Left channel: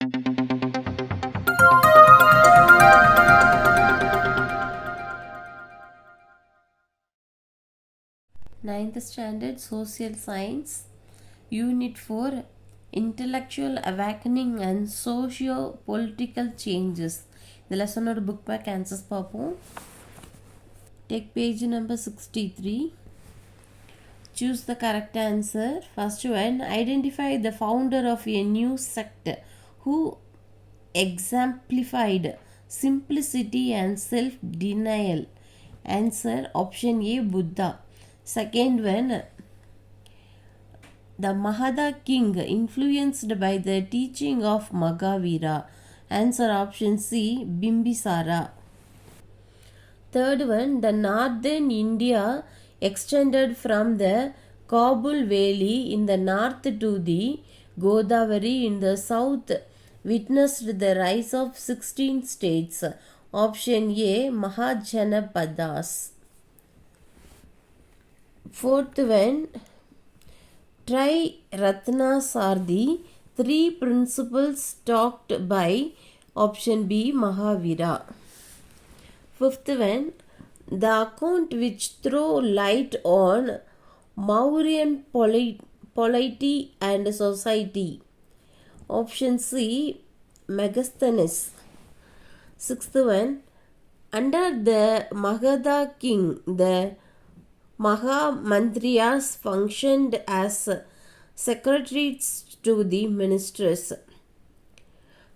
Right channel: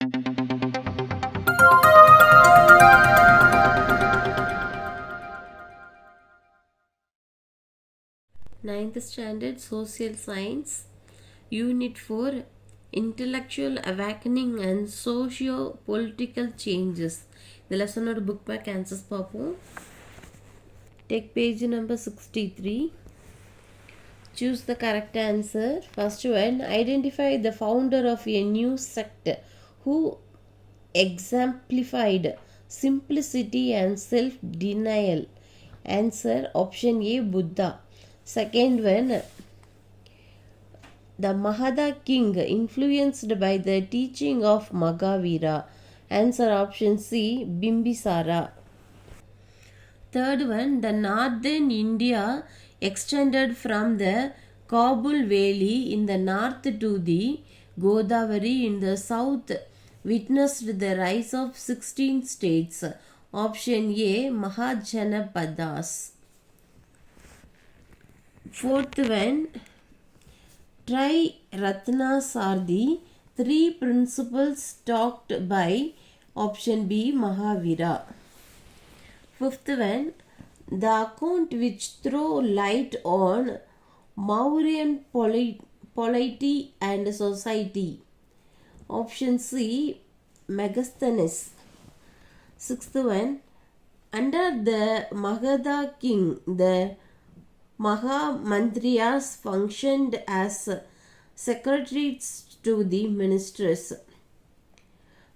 Ninth Standard Social Science, Unit 4, Intellectual Awakening and Socio Political Changes. The lesson or book back answers Papo. Take page number 63. Choose the correct answer. First one, identify the founder of a new sect who exemplified simplicity and self-denial. Answer option A, Buddha. Second one, the Magadha king influenced by the teaching of Mahavira. Answer option C, Bimbisara. Third one, the northern India extended from the Kabul Valley in the north to the Godavari in the south, witnessed the rise of 16 states. Option A, Mahajanapadas. Fourth one, Tri-Ratnas are the three principles taught by option B, Mahavira. Fifth one, the account which throw light on Mauryan polity and society. Option C, Megasthenes. Sixth one, under the Magadha king, the Mahamantriyas functioned as secretaries to the ministers.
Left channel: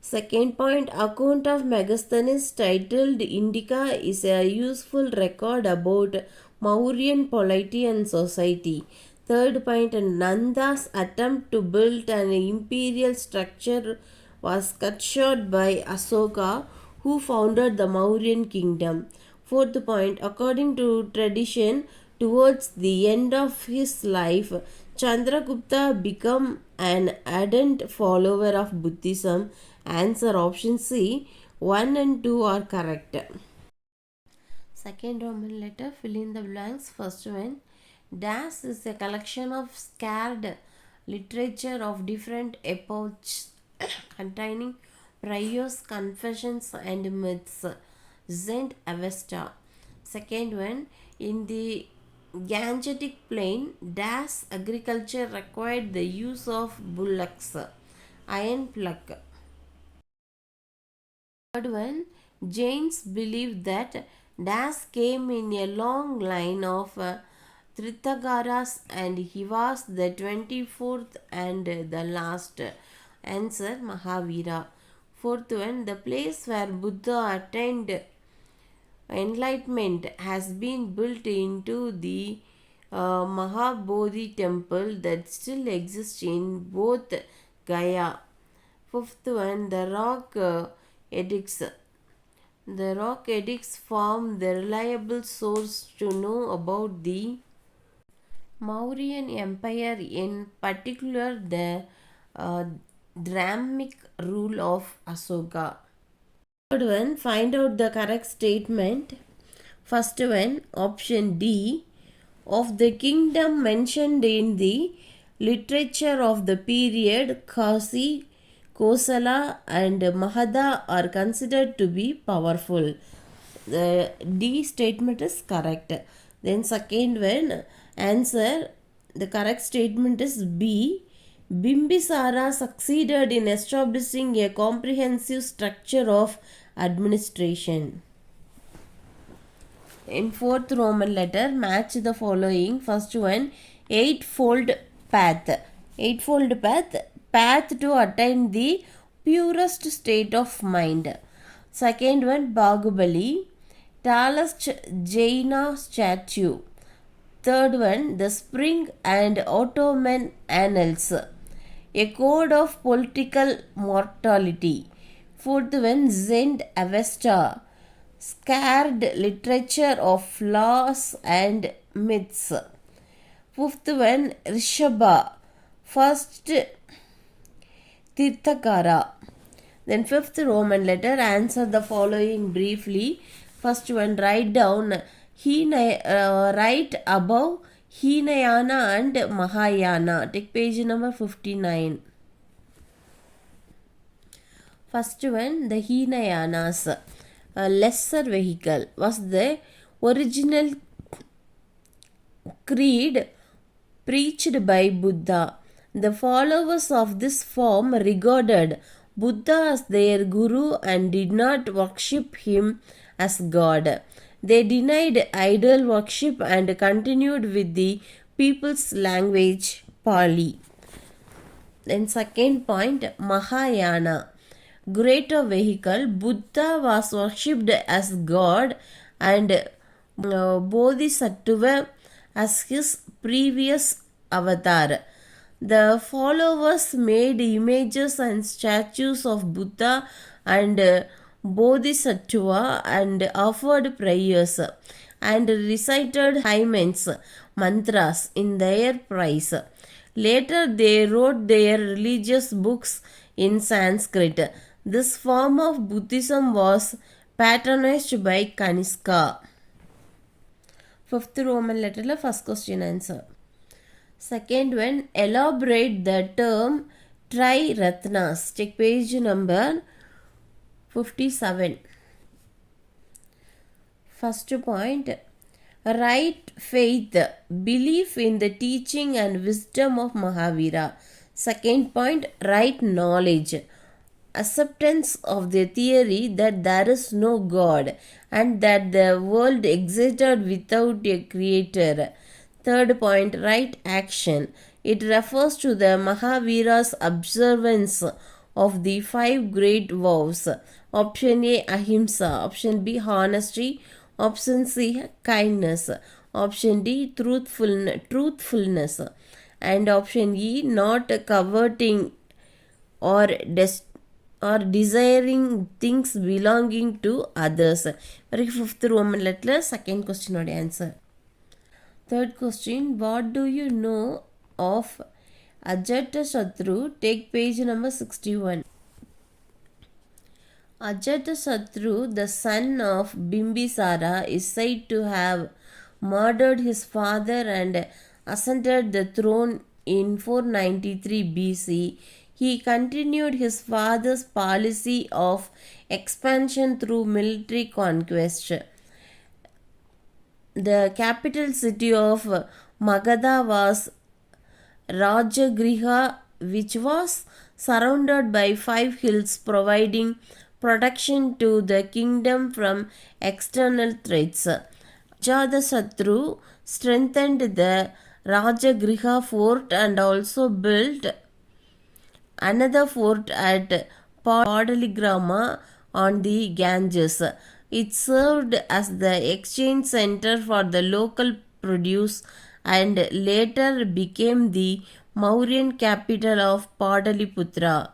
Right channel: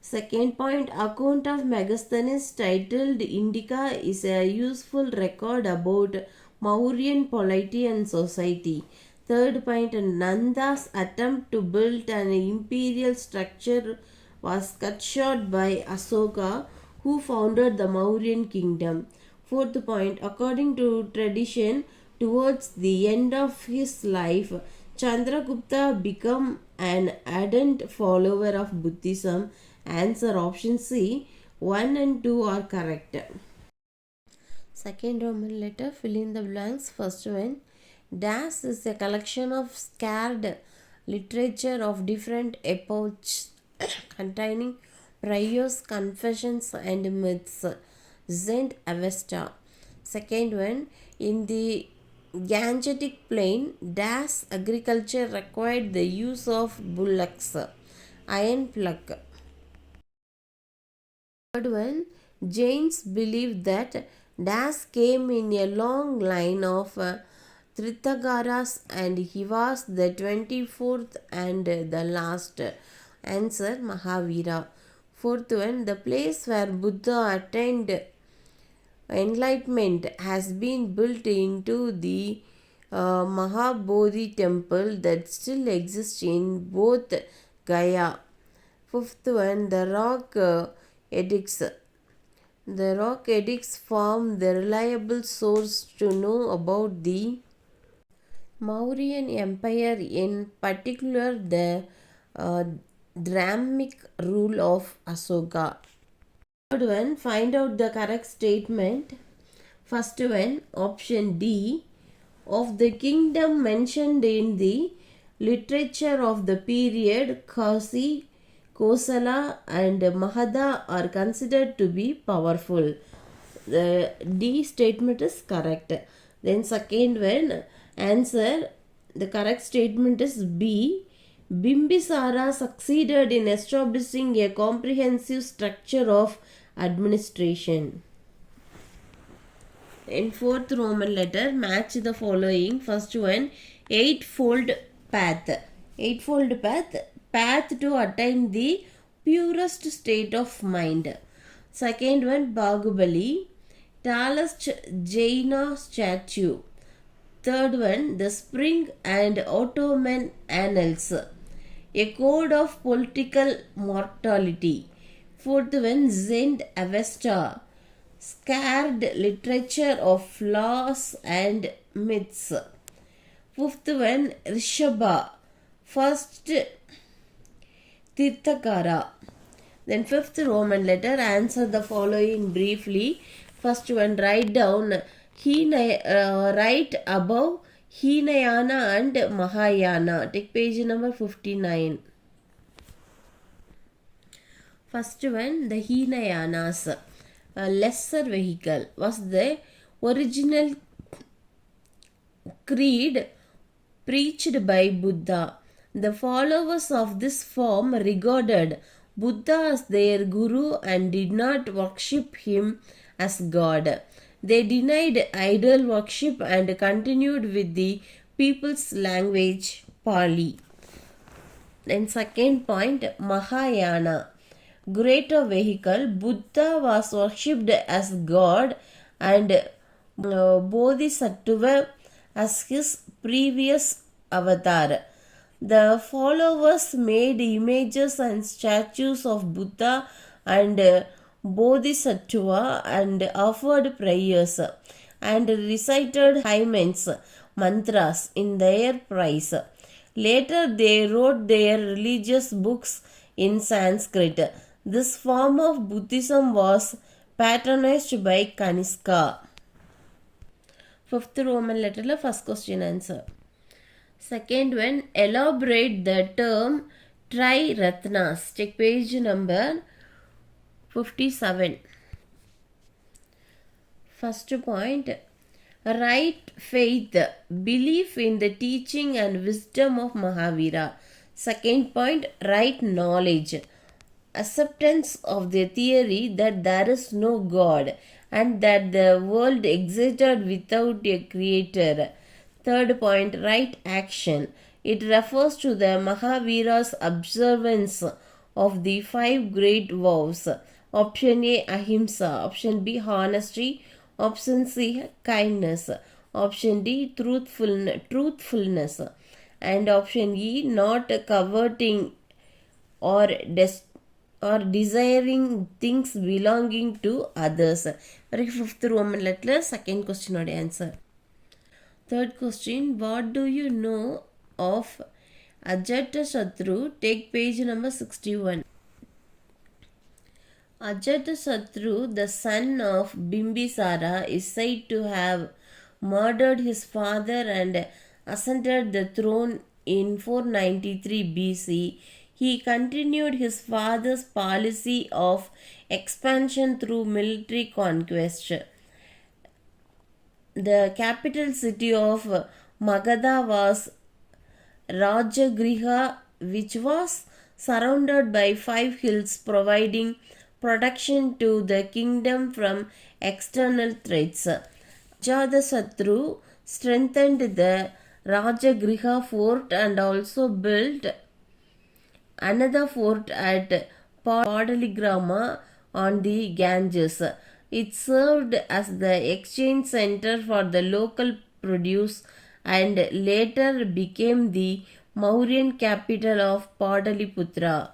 Second point, account of Megasthenes titled Indica is a useful record about Mauryan polity and society. Third point, Nanda's attempt to build an imperial structure was cut short by Asoka, who founded the Mauryan kingdom. Fourth point, according to tradition, towards the end of his life, Chandragupta became an ardent follower of Buddhism. Answer option C, 1 and 2 are correct. Second Roman letter, fill in the blanks. First one, Das is a collection of scarred literature of different epochs containing prayers, confessions and myths. Zend Avesta. Second one, in the Gangetic plain, Das agriculture required the use of bullocks. Iron pluck. Third one, Jains believed that Das came in a long line of Trithagaras and he was the 24th and the last. Answer Mahavira. Fourth one, the place where Buddha attained enlightenment has been built into the Mahabodhi temple that still exists in both Gaya. Fifth one, the rock edicts. The rock edicts form the reliable source to know about the Mauryan Empire, in particular the Brahmic rule of Asoka. Third one, find out the correct statement. First one, option D, of the kingdom mentioned in the literature of the period, Kasi, Kosala and Magadha are considered to be powerful. The D statement is correct. Then second one, answer, the correct statement is B. Bimbisara succeeded in establishing a comprehensive structure of administration. In fourth Roman letter, match the following. First one, eightfold path. Eightfold path, path to attain the purest state of mind. Second one, Bahubali, tallest Jaina statue. Third one, the spring and Ottoman annals, a code of political mortality. Fourth one, Zend Avesta, scared literature of laws and myths. Fifth one, Rishabha, first Tirthakara. Then fifth Roman letter, answer the following briefly. First one, write down right above Hinayana and Mahayana. Take page number 59. First one, the Hinayanas, a lesser vehicle, was the original creed preached by Buddha. The followers of this form regarded Buddha as their guru and did not worship him as God. They denied idol worship and continued with the people's language, Pali. Then second point, Mahayana, greater vehicle. Buddha was worshipped as God and Bodhisattva as his previous avatar. The followers made images and statues of Buddha and Bodhisattva and offered prayers and recited hymns, mantras in their praise. Later, they wrote their religious books in Sanskrit. This form of Buddhism was patronized by Kanishka. Fifth Roman letter, first question answer. Second one, elaborate the term Tri-Ratnas. Take page number 57. First point, right faith, belief in the teaching and wisdom of Mahavira. Second point, right knowledge, acceptance of the theory that there is no God and that the world existed without a creator. Third point, right action. It refers to the Mahavira's observance of the 5 great vows. Option A, ahimsa. Option B, honesty. Option C, kindness. Option D, truthfulness. And option E, not coveting or desiring things belonging to others. Very fifth Roman letter, second question or answer. Third question, what do you know of Ajatasattu? Take page number 61. Ajatasattu, the son of Bimbisara, is said to have murdered his father and ascended the throne in 493 BC. He continued his father's policy of expansion through military conquest. The capital city of Magadha was Rajagriha, which was surrounded by 5 hills, providing protection to the kingdom from external threats. Ajatasattu strengthened the Rajagriha fort and also built another fort at Padaligrama on the Ganges. It served as the exchange center for the local produce and later became the Mauryan capital of Padaliputra.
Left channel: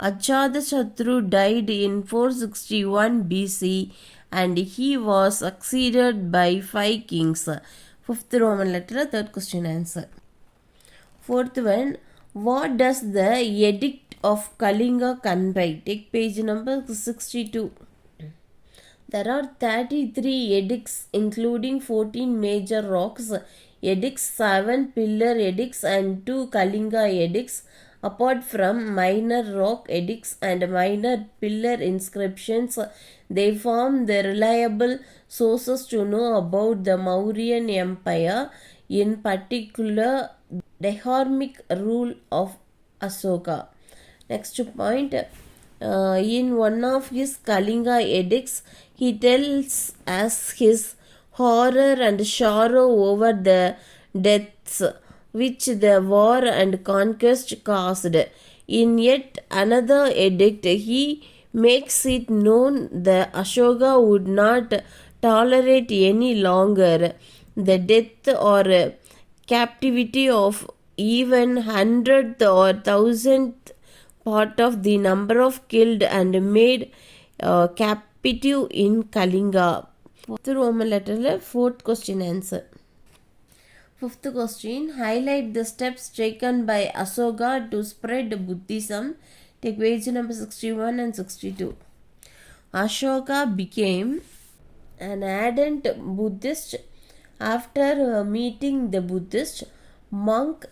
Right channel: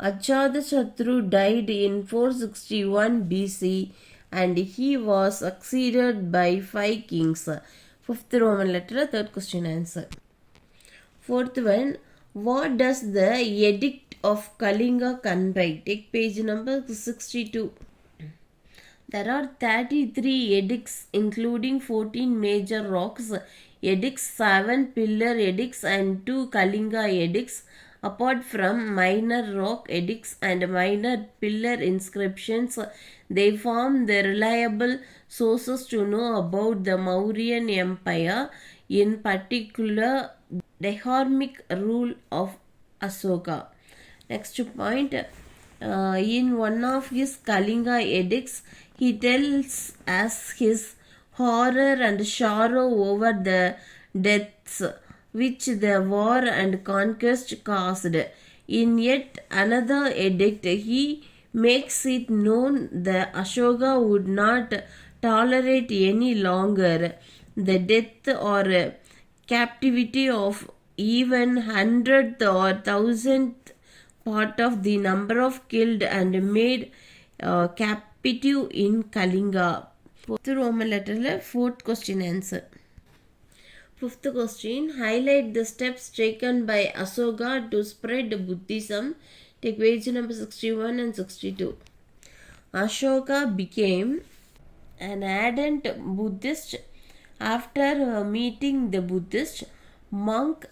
Ajatasattu died in 461 BC and he was succeeded by 5 kings. Fifth Roman letter, third question answer. Fourth one, what does the Edict of Kalinga convey? Take page number 62. There are 33 edicts including 14 major rocks edicts, 7 pillar edicts and 2 Kalinga edicts. Apart from minor rock edicts and minor pillar inscriptions, they form the reliable sources to know about the Mauryan Empire, in particular the dharmic rule of Asoka. Next point, in one of his Kalinga edicts, he tells us his horror and sorrow over the deaths which the war and conquest caused. In yet another edict, he makes it known that Ashoka would not tolerate any longer the death or captivity of even 100th or 1000th part of the number of killed and made captive in Kalinga. Fourth Roman letter, fourth question answer. Fifth question, highlight the steps taken by Asoka to spread Buddhism. Take page number 61 and 62. Ashoka became an ardent Buddhist after meeting the Buddhist monk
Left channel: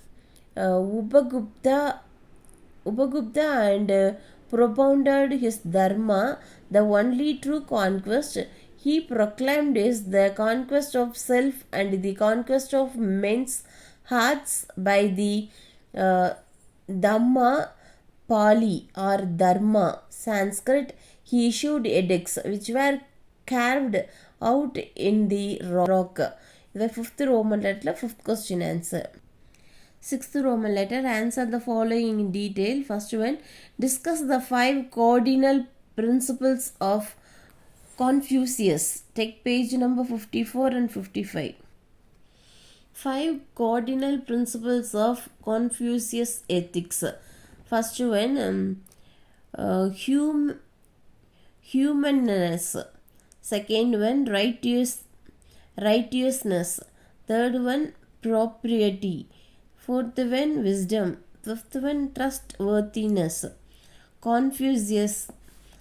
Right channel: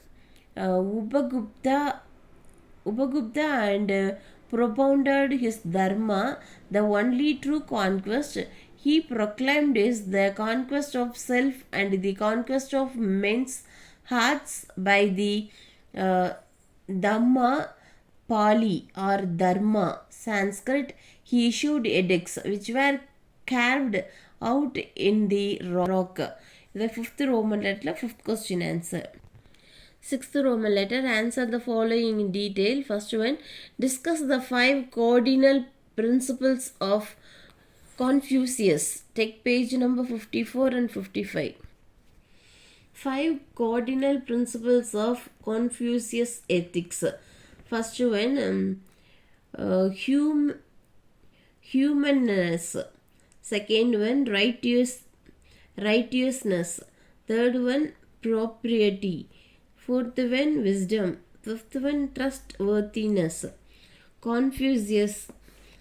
Upagupta and propounded his dharma, the only true conquest he proclaimed is the conquest of self and the conquest of men's hearts by the uh, Dhamma Pali or Dharma Sanskrit. He issued edicts which were carved out in the rock. The fifth Roman letter, fifth question answer. Sixth Roman letter, answer the following in detail. First one, discuss the 5 cardinal principles of Confucius. Take page number 54 and 55. 5 cardinal principles of Confucius ethics. First one, humanness. Second one, righteousness. Third one, propriety. Fourth one, wisdom. Fifth one, trustworthiness. Confucius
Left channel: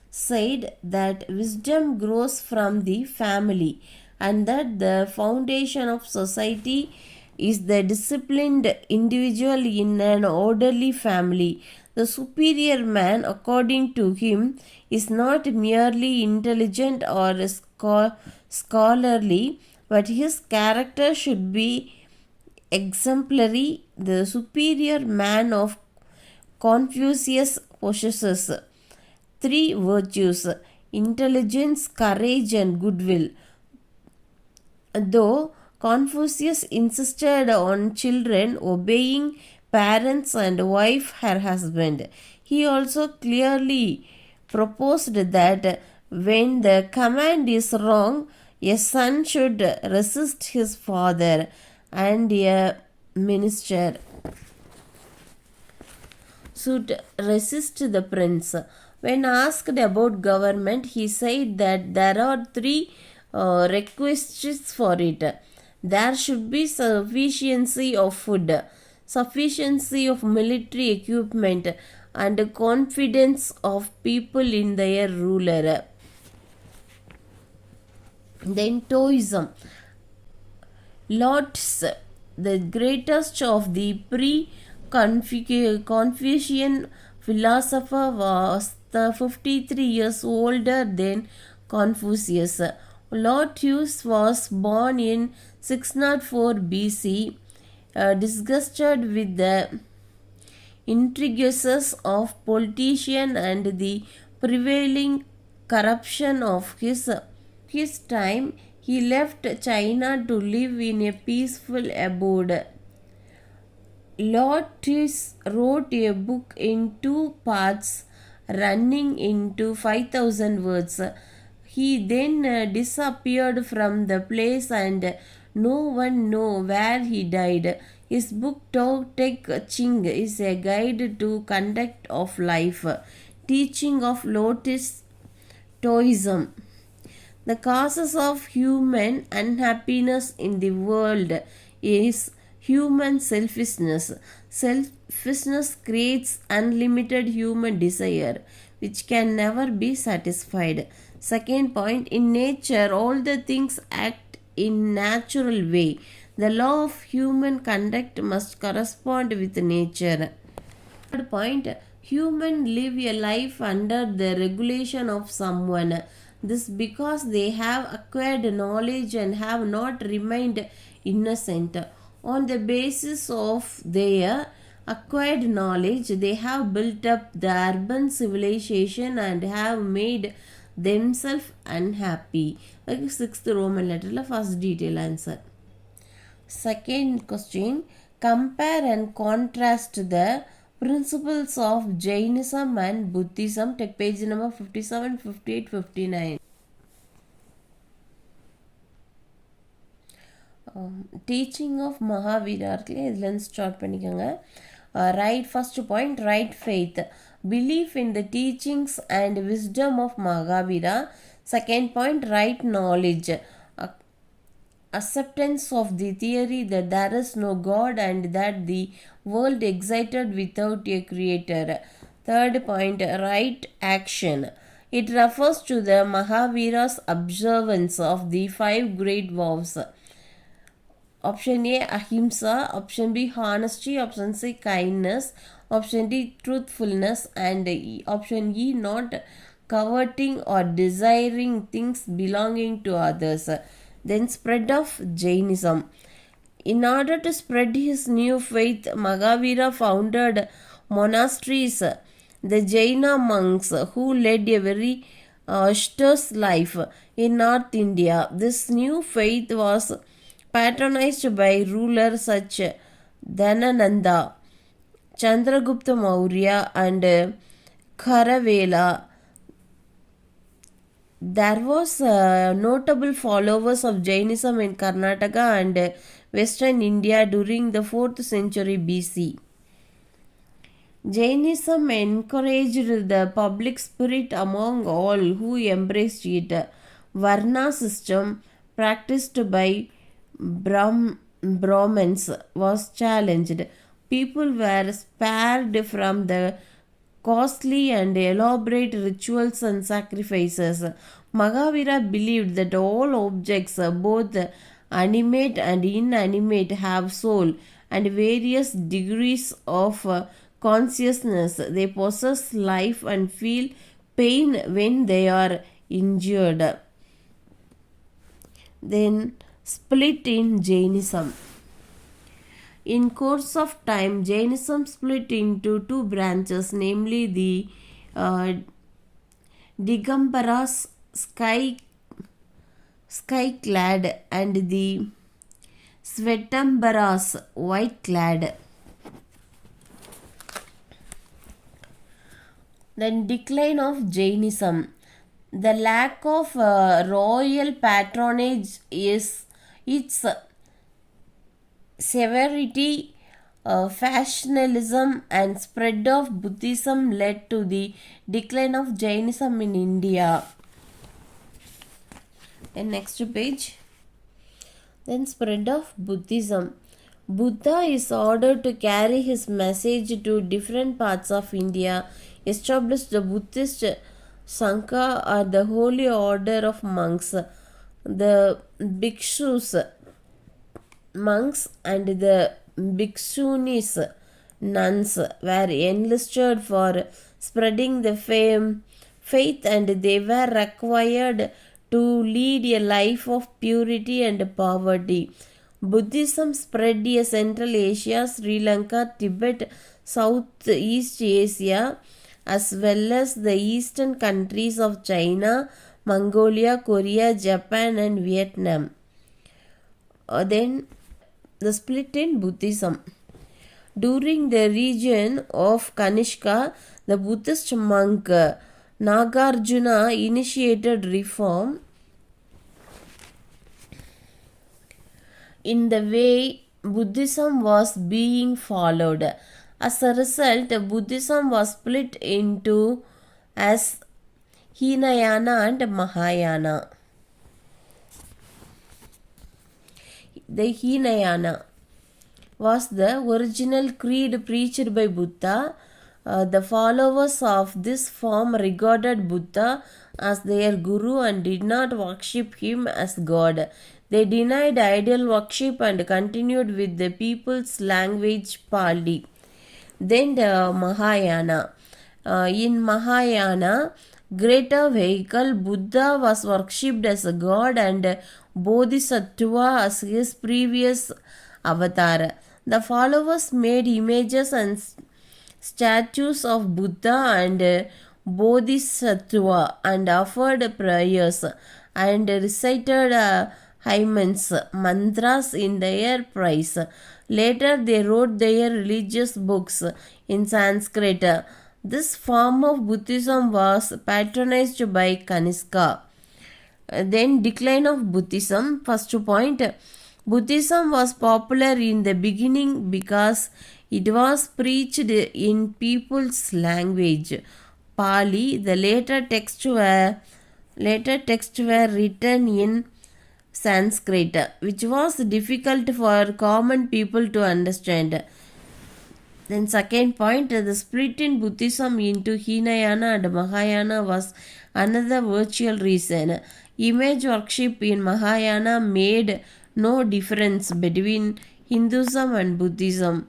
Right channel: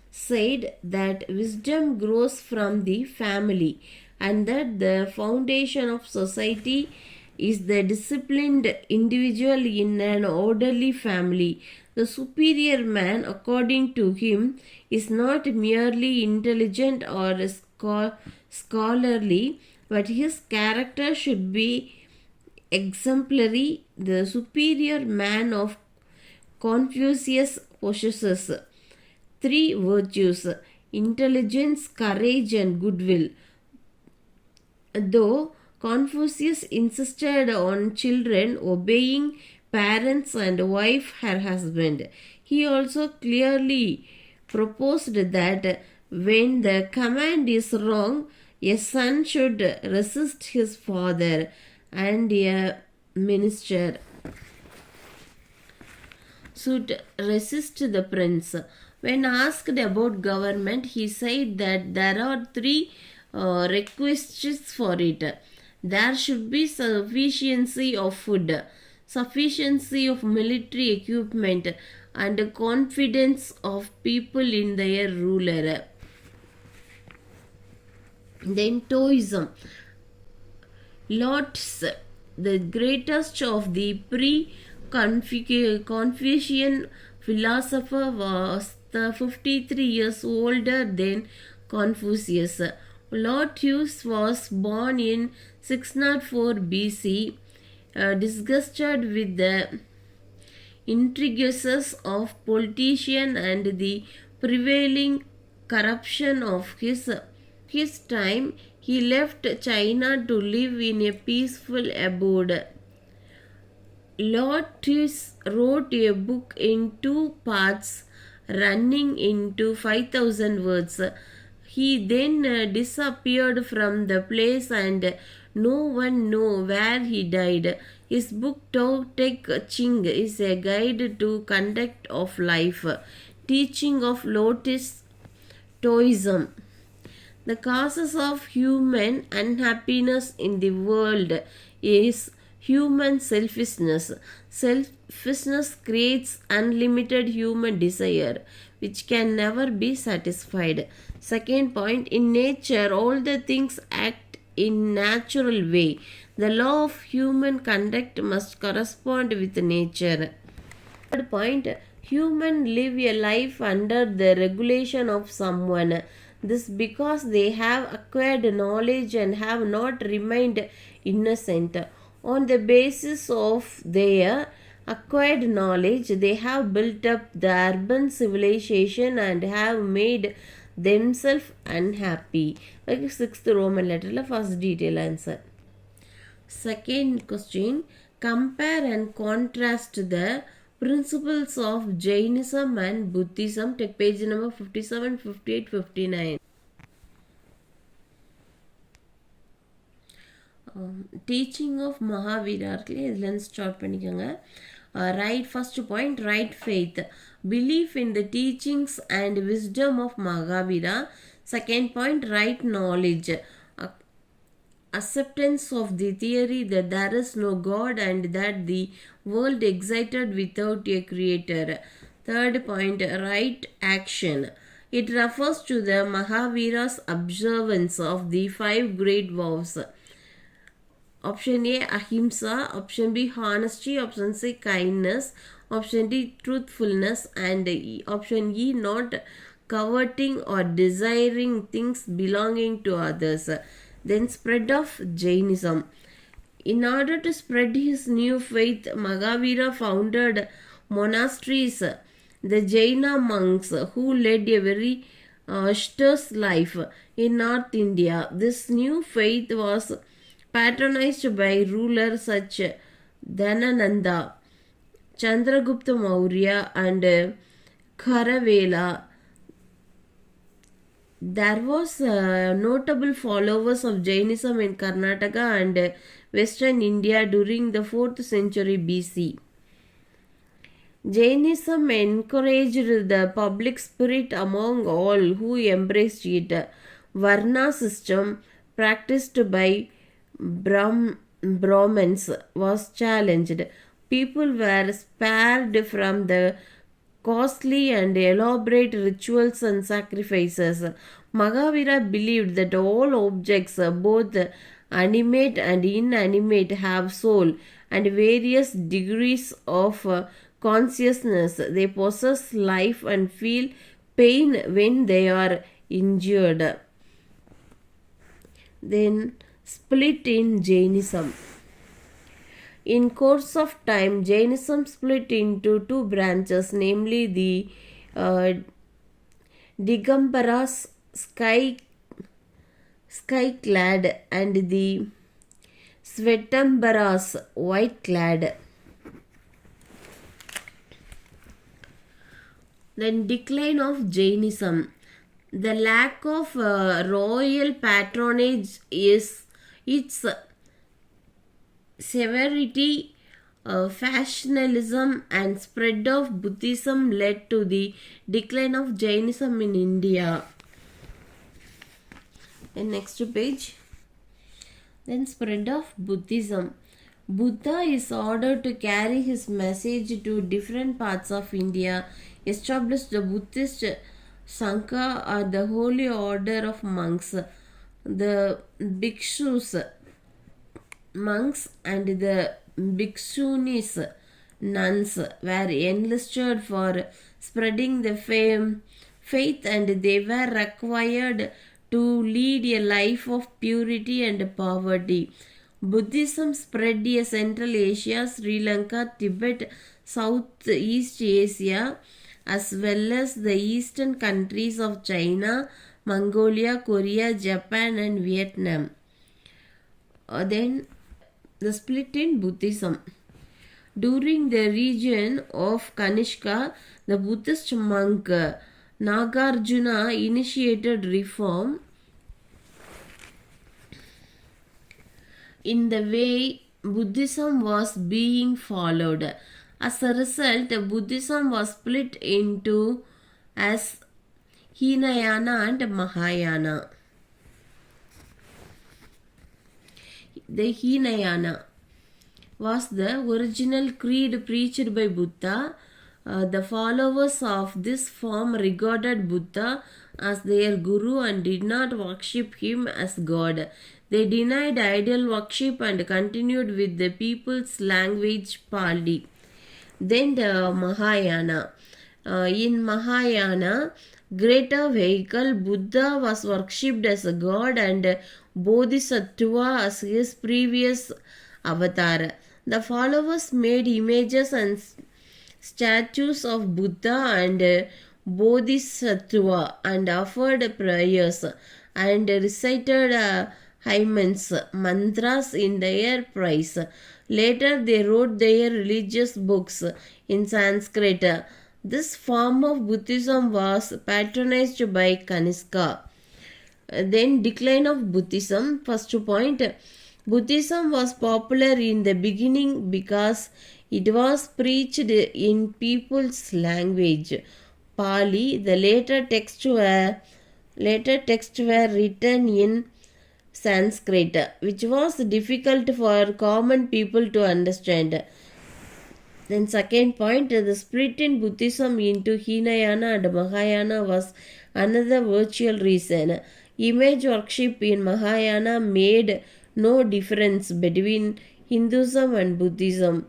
said that wisdom grows from the family and that the foundation of society is the disciplined individual in an orderly family. The superior man, according to him, is not merely intelligent or scholarly, but his character should be exemplary. The superior man of Confucius possesses 3 virtues: intelligence, courage, and goodwill. Though Confucius insisted on children obeying parents and wife her husband, he also clearly proposed that when the command is wrong, a son should resist his father and a minister should resist the prince. When asked about government, he said that there are 3 requisites for it. There should be sufficiency of food, sufficiency of military equipment, and confidence of people in their ruler. Then Taoism. Lotz, the greatest of the pre-Confucian philosopher, was 53 years older than Confucius. Lotz was born in 604 BC. Disgusted with the intrigues of politicians and the prevailing corruption of his time, he left China to live in a peaceful abode. Lotz wrote a book in 2 parts running into 5,000 words. He then disappeared from the place and no one knows where he died. His book Tao Te Ching is a guide to conduct of life. Teaching of Lotz Taoism. The causes of human unhappiness in the world is human selfishness. Selfishness creates unlimited human desire which can never be satisfied. Second point, in nature all the things act in natural way. The law of human conduct must correspond with nature. Third point, human live a life under the regulation of someone. This because they have acquired knowledge and have not remained innocent. On the basis of their acquired knowledge, they have built up the urban civilization and have made themselves unhappy. Like 6th Roman letter, first detail answer. Second question, compare and contrast the principles of Jainism and Buddhism. Take page number 57, 58, 59. Teaching of Mahavira இதில் start பண்ணிக்கோங்க. Right, first point, right faith, belief in the teachings and wisdom of Mahavira. Second point, right knowledge, acceptance of the theory that there is no God and that the world existed without a creator. Third point, right action. It refers to the Mahavira's observance of the 5 great vows. Option A, ahimsa. Option B, honesty. Option C, kindness. Option D, truthfulness, and option E, not coveting or desiring things belonging to others. Then spread of Jainism. In order to spread his new faith, Mahavira founded monasteries. The Jaina monks who led a very austere life in North India. This new faith was patronized by rulers such Dhanananda, Chandragupta Maurya, and Kharavela. There was notable followers of Jainism in Karnataka and Western India during the 4th century BC. Jainism encouraged the public spirit among all who embraced it. Varna system practiced by Brahmins was challenged. People were spared from the costly and elaborate rituals and sacrifices. Mahavira believed that all objects, both animate and inanimate, have soul and various degrees of consciousness. They possess life and feel pain when they are injured. Then split in Jainism. In course of time, Jainism split into two branches, namely the Digambaras, sky-clad, and the Svetambaras, white-clad. Then decline of Jainism. The lack of royal patronage is its severity, factionalism, and spread of Buddhism led to the decline of Jainism in India. And next page. Then spread of Buddhism. Buddha is ordered to carry his message to different parts of India, established the Buddhist Sangha, or the holy order of monks. The bhikshus, monks, and the bhikshunis, nuns, were enlisted for spreading the faith, and they were required to lead a life of purity and poverty. Buddhism spread in Central Asia, Sri Lanka, Tibet, Southeast Asia, as well as the eastern countries of China, Mongolia, Korea, Japan, and Vietnam. Then the split in Buddhism. During the region of Kanishka, the Buddhist monk Nagarjuna initiated reform in the way Buddhism was being followed. As a result, Buddhism was split into as Hinayana and Mahayana. The Hinayana was the original creed preached by Buddha. The followers of this form regarded Buddha as their guru and did not worship him as God. They denied idol worship and continued with the people's language Pali. Then the Mahayana. In Mahayana, greater vehicle, Buddha was worshipped as a god and Bodhisattva as his previous avatar. The followers made images and statues of Buddha and Bodhisattva and offered prayers and recited hymns, mantras in their praise. Later, they wrote their religious books in Sanskrit. This form of Buddhism was patronized by Kanishka. Then decline of Buddhism. First point, Buddhism was popular in the beginning because it was preached in people's language, Pali. The later texts were written in Sanskrit, which was difficult for common people to understand. Then second point, the split in Buddhism into Hinayana and Mahayana was another virtual reason. Image worship in Mahayana made no difference between Hinduism and Buddhism.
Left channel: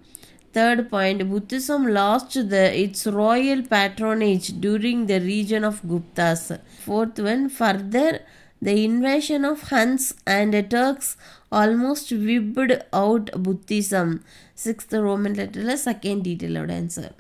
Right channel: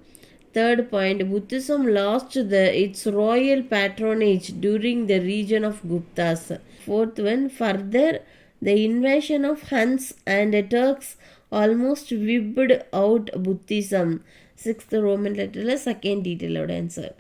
Third point, Buddhism lost its royal patronage during the region of Guptas. Fourth one, further, the invasion of Huns and Turks almost wiped out Buddhism. Sixth Roman letter, second detailed answer.